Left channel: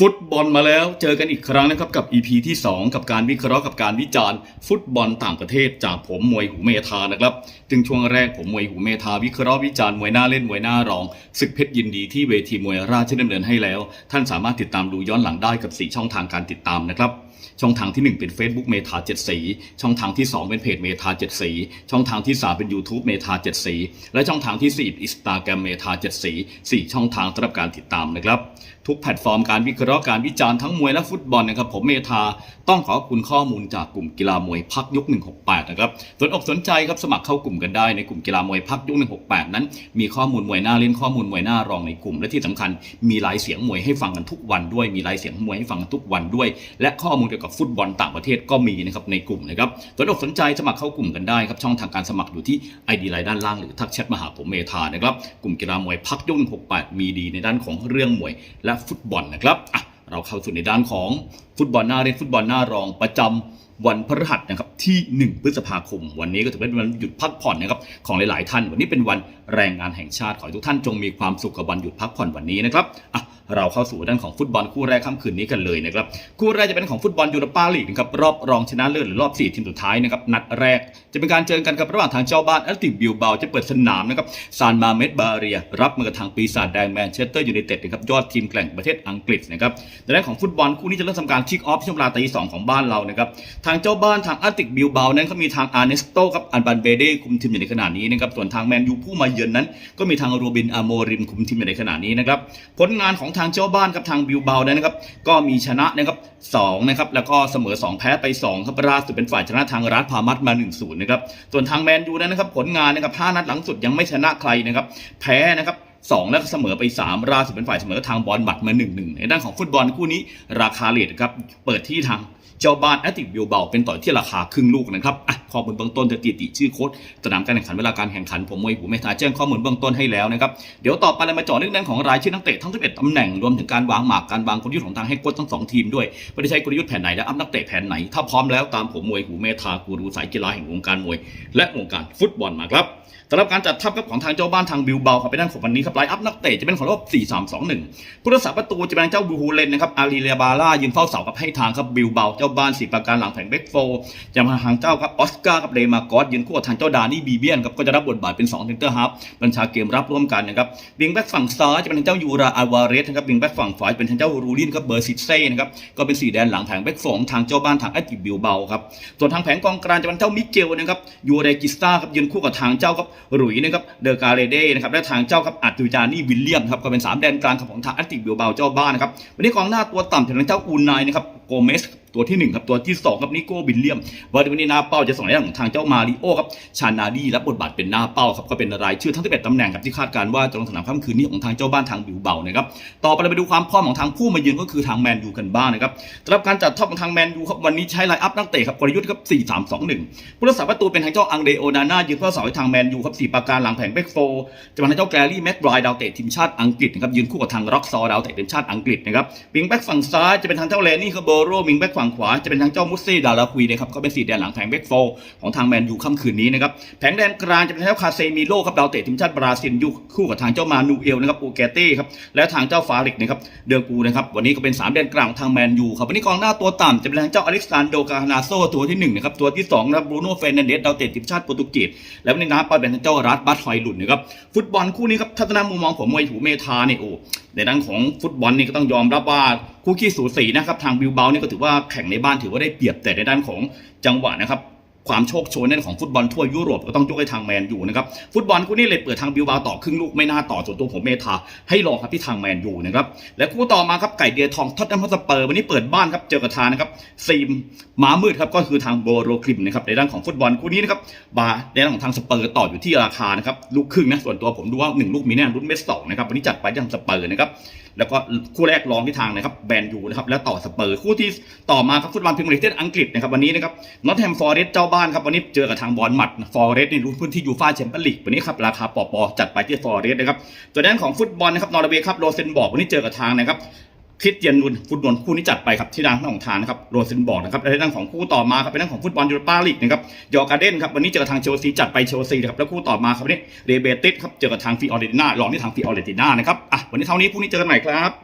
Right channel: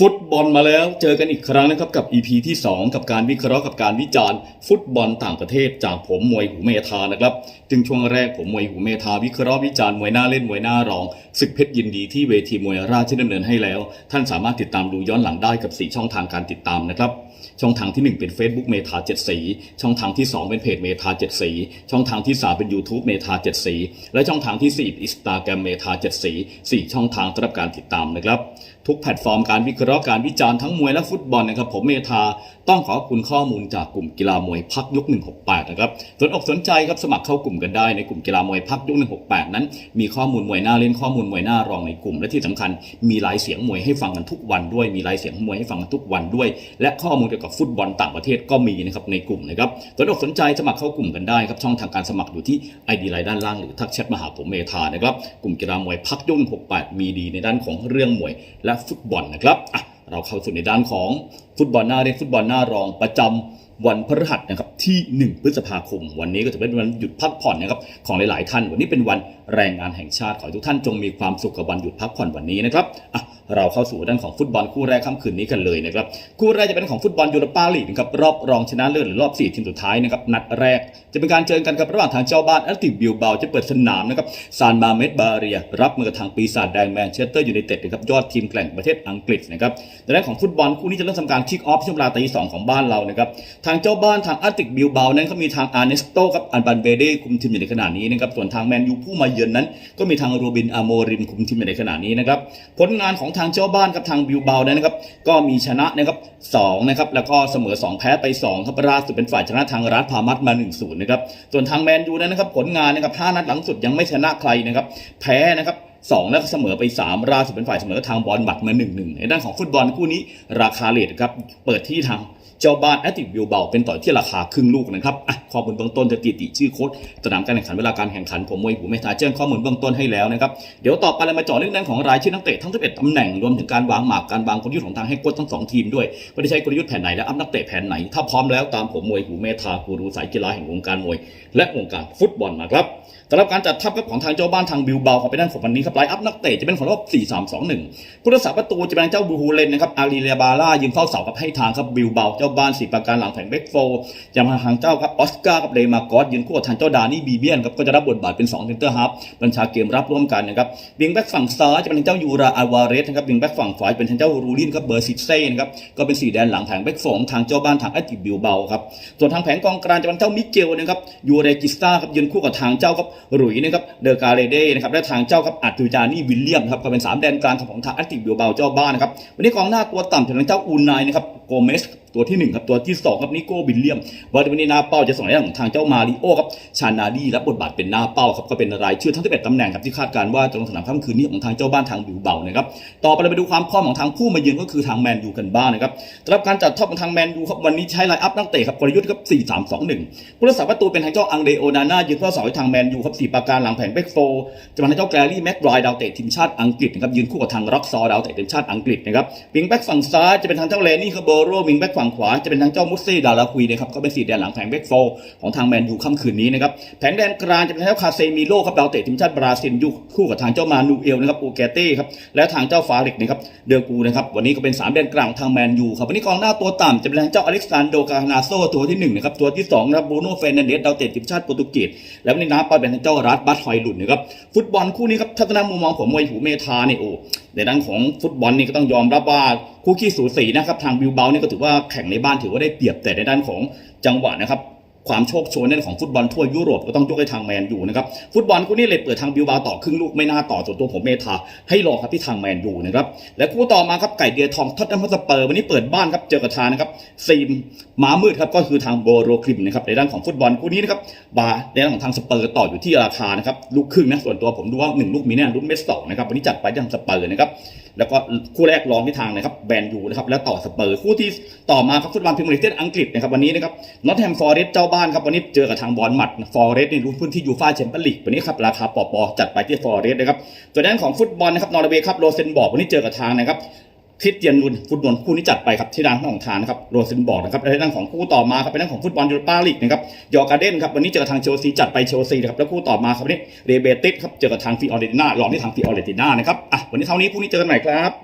ฟุตบอลมาแล้วเจอกันอีกครั้งนะครับกับ EP ที่ 2 กับการวิเคราะห์กับการวิจารณ์ ฟุตบอลต่างประเทศจากผมมวยหูเมธานะครับซึ่งช่วงแรกผมมวยหูเมธาวิเคราะห์วิจารณ์มวยหน้าเล่นมวยหน้ารองศึกเพชรยินดีที่เวทีมวยราชดำเนินให้แล้ว ท่านสามารถติดตามดูย้อนหลังได้กับ 4 ช่องทางการติดตามนะครับ ช่องทางที่ 1 เป็น Facebook เมธาเจ็ดสี ช่องทางที่ 2 เป็นเพจเมธาเจ็ดสี ช่องทางที่ 3 เป็น YouTube เมธาเจ็ดสี และช่องทางที่4อินสตาแกรมเมธาเจ็ดสีสี่ช่องทางสำหรับการติดตามนะครับ ทุกแพลตฟอร์มการวิเคราะห์การวิจารณ์ทั้งมวยและฟุตบอลนะครับผมเมธาต้องขอบคุณข้อมูลจากกลุ่มกีฬามวยพักยุก168 นะครับสนอกสนใจครับสมัครเข้ากลุ่มกันได้ในกลุ่มกีฬามวยพักยุก168 นั้น มีข้อมูลมวยหน้าเล่นข้อมูลมวยหน้ารองในกลุ่มและที่สำคัญ มีหลายเสียงมวยให้ฟังกันทุกวันด้วยมีหลายเสียงมวยให้ฟังกันทุกวันด้วย และข้อมูลกี่ยวกับฟุตบอลต่างประเทศก็มีนะครับในกลุ่มนะครับสนอกสนใจสมัครเข้ากลุ่มกันได้ครับช่องทางการสมัครอยู่ที่ไอดีไลน์ด้านล่างหรือทักแชทมาหาผมเมธานะครับกลุ่มกีฬามวยพักยก168 มีดีในด้านของเรื่องมวยและฟุตบอลนะครับอะเราเข้าสู่ในด้านของฟุตบอลหน้าเล่นฟุตบอลหน้ารองประจำวันพฤหัสนะครับที่ 1 พฤษภาคม วันนี้ก็จะเป็นวันหยุดพักผ่อนนะครับของหลาย ๆ ท่าน วันนี้เป็นวันแรงงานแห่งชาติขอให้ทุกท่านจงมีความสุขกับวันหยุดพักผ่อนวันนี้นะครับอะ เราเข้าสู่ด้านของฟุตบอลคู่แรกค่ำคืนนี้กันเลยนะครับคู่แรกจะเป็นของฟุตบอลยูโรปาลีกนะครับรอบรองชนะเลิศหรือรอบ 4 ทีมสุดท้ายนะครับนัดแรกจะเป็นการเจอกันครับระหว่างทางเจ้าบ้านแอตติกบิลเบาจะเปิดสนามนะครับซานมาเมดบาเรีย รับมือกับทางปีศาจแดงแมนเชสเตอร์ยูไนเต็ดนะครับยอดทีมแกร่งประเทศอังกฤษนะครับในด้านของฟุตบอลคู่นี้จะเริ่มทำการคิกออฟช่วงเวลาตีสองของบ้านเรานะครับทางเจ้าบ้านทางแอตติกบิลเบานั้นเขามีทางอาร์เนสโตกับอันบันเบเดคุมทีมอยู่ในขณะนี้นะครับส่วนทางแมนยูผู้มาเยือนนั้น ก็มีทางรูบินอาโมริมคุมทีมอยู่ในขณะนี้นะครับผลงานของทางเจ้าบ้านกับทางบิวเบานั้นนะครับก็มีชนะนะครับสองนะครับแล้วก็เสมอ 2 แพ้ไป2ครับล่าสุดเป็นฝ่ายชนะทางรัฐพามัดมา1-0นะครับส่วนทางแมนยูนั้นนะครับผลงานนะครับ5นัดหลังสุดยังไม่ชนะใครนะครับแพ้นะครับ สองแล้วก็เสมอไป3ล่าสุดเป็นฝ่ายเสมอทางบอลบัตรมา1-1ในด้านของฟุตบอลคู่นี้ ราคาเลทครับเปิดที่ทางเจ้าบ้านแอตติกบิลเบาเป็นต่อที่ราคาครึ่งลูกนะครับอะข้อมูลเบื้องต้นจะติติชื่อโค้ดสนามการแข่งขันเวลาการแข่งขันผมมวยหูเมธาแจ้งข้อมูลเบื้องต้นให้แล้วนะครับเดี๋ยวต่อไปเรามาเจาะเรื่องนั้นของรายชื่อนักเตะทั้ง 11ตำแหน่งรวมถึงการวางหมากการวางกลยุทธ์ของทางให้โค้ชทั้งสองทีมด้วยว่าได้ใช้กลยุทธ์แผนไหนและอัพนักเตะแผนไหน ถ้าพร้อมแล้วตามผมมวยหูเมธากูรูสายกีฬาแห่งวงการมวย และวงการฟุตบอลมาครับสำหรับการจัดทัพครับของทางเจ้าบ้านทางบิลเบาครับไปด้านของวันนี้ครับไลน์อัพนักเตะจะเป็นของรอบ4-3-2-1 ผู้รักษาประตูจะเป็นเจ้าบูฮูเลนนะครับอารีเลียบาร่ายืนเฝ้าเสากับให้ทางครับบิลเบาเจ้าบ้านสีประการหลังแผงเบกโฟจะมาทางเจ้าครับออสการ์กับเลมากอสยืนคู่กับทางเจ้าดานี่บีเบียนครับก็จะรับบทบาทเป็น2เซนเตอร์ฮับบัญชาเกมรับร่วมกันนะครับวิงแบ็กฝั่งซ้ายจะเป็นทางเจ้ายูราอาวาเรสนะครับวิงแบ็กฝั่งขวาจะเป็นทางเจ้ารูลินครับเบอร์ซิเซ่นะครับก็เป็นสีแดนหลังแผงเบกโฟของทางเจ้าบ้านทางแอตติบิลเบาครับส่วนทางแผงกองกลางจะเป็นเจ้ามิเกลนะครับยูเรกิสตาครับยืนคู่กับทางเจ้าครับหลุยนะครับเดอร์กาเรเดนะครับและทางเจ้าครับอัจจุจานี่วิลเลียมครับก็เป็น 3 แดนกลางของทางแอตติบิลเบาเจ้าบ้านนะครับวันนี้กองหน้าตัวต่ำถึงเจ้าอูนายนะครับโกเมส ตัวที่ 1 ครับตัวที่ 2 ครับนิโก้บิลเลียมวันนี้หน้าเป้าจะส่งในด้านของทางเจ้ามาริโอครับชานาดีรับบทบาทเป็นหน้าเป้าครับก็เป็นรายชื่อทั้ง11ตำแหน่งครับที่คาดการณ์ว่าจะลงสนามค่ำคืนนี้ของทางเจ้าบ้านทางบิลเบานะครับต่อไปเราไปดูความพร้อมของทางผู้มาเยือนก็คือทางแมนยูกันบ้างนะครับสำหรับการจัดทัพของทางแมนยูครับวันนี้ใช้ไลน์อัพนักเตะครับกลยุทธ์ครับ4-3-2-1ผู้รักษาประตูเป็นทางเจ้าอังเดโอนาน่ายืนเฝ้าเสาให้ทางแมนยูครับสี่ประการหลังแผงเบกโฟจะมาทางเจ้าแกรี่แม็กไบร์ดาวเตะทีมชาติอังกฤษนะครับยืนคู่กับทางร็อกซอดาวเตะทีมชาติอังกฤษนะครับวิงแบ็กฝั่งซ้ายจะเป็นทางเจ้าแลนี่คาโบโรวิงแบ็กฝั่งขวาจะเป็นทางเจ้ามุสซี่ดาราคุยนะครับก็เป็นสี่แดนหลังแผงเบกโฟของทางแมนยูค่ำคืนนี้นะครับแผงแดนกลางจะเป็นทางเจ้าคาเซมิโลครับดาวเตะทีมชาติบราซิลอยู่คู่กับทางเจ้ามานูเอลนะครับโอเกเต้ครับและทางเจ้าฟาริกนะครับเดอร์กูนะครับวันนี้ก็เป็นสามแดนกลางของทางแมนยูครับวันนี้กองหน้าตัวต่ำจะเป็นทางเจ้าอเล็กซานโดกาฮนาโซตัวที่หนึ่งนะครับตัวที่สองนะครับบรูโน่เฟนันเดสดาวเตะทีมชาติโปรตุเกสและวันนี้น้าไปเป็นทางเจ้ารัฐบัตไฟลุนนะครับฟุตบอลคู่นี้ครับทัศนมุมมองผมมวยหูเมธาเนี่ยโอ้ในด้านของฟุตบอลนี่ก็ต้องยอมรับว่า คู่ขี้สูสีนะครับทางบิลเบานี่ก็ถือว่าแข่งในบ้านถือว่าได้เปรียบแต่ในด้านของจังหวะนะครับความโชคโชนในเรื่องของฟุตบอลทั่วยุโรปก็ต้องยกให้ทางแมนยูนะครับฟุตบอลคู่นี้เลยเปิดทางบิลบาต่อครึ่งลูกไม่น่าต่อส่วนตัวผมเมธาให้รอครับที่ทางแมนยูนะครับและคู่ต่อมาครับไก่เดียทองท็อตแนมฮอตสเปอร์วันนี้เปิดบ้านครับเจอกับทานะครับซีมหมามืดครับก็คือทางโบโรคลิมนะครับในด้านของฟุตบอลคู่นี้นะครับบาในด้านของทางสเปอร์ต่ออยู่ที่ราคานะครับลูกครึ่งนะส่วนตัวผมดูว่าหนึ่งลูกมีแน่รุ่นเมสสองนะครับวันนี้จัดไปทางสเปอร์นะครับ แล้วก็คู่แรกรองที่ทางนะครับแบนยูนะครับแล้วต่อสเปอร์คู่ที่ต่อมาครับฟุตบอลพรีเมียร์ลีกประเทศอังกฤษนะครับวันนี้นะครับนอตแฮมฟอร์เรสเจ้าบ้านครับวันนี้เจอกับทางบอลหมัดฟอร์เรสในรุ่นพื้นที่ยูฟ่าแชมเปี้ยนลีกวันนี้ครับราคาปอปอจัดไปที่ฟอร์เรสนะครับส่วนด้านของฟุตบอลนะครับนอร์เวย์ครับโรเซนบอร์กวันนี้เจอกับทางนะครับ คริสเตียนนุนฟุตบอลคู่นี้จัดไปครับที่ด้านของทานนะครับโรซินบอร์กนะครับและในด้านของคู่ต่อมาครับเป็นด้านของฟุตบอลยูโรปาลีกนะครับยอร์การ์เดนครับวันนี้เจอกับทางเชลซีจัดไปเชลซีนะครับแล้วคู่ต่อมาครับวันนี้เรเบติสครับเจอกับทางฟิออเรติน่าหลอกที่ทางฟิออเรติน่านะครับอะวันนี้เท่านี้พรุ่งนี้เจอกันใหม่ครับ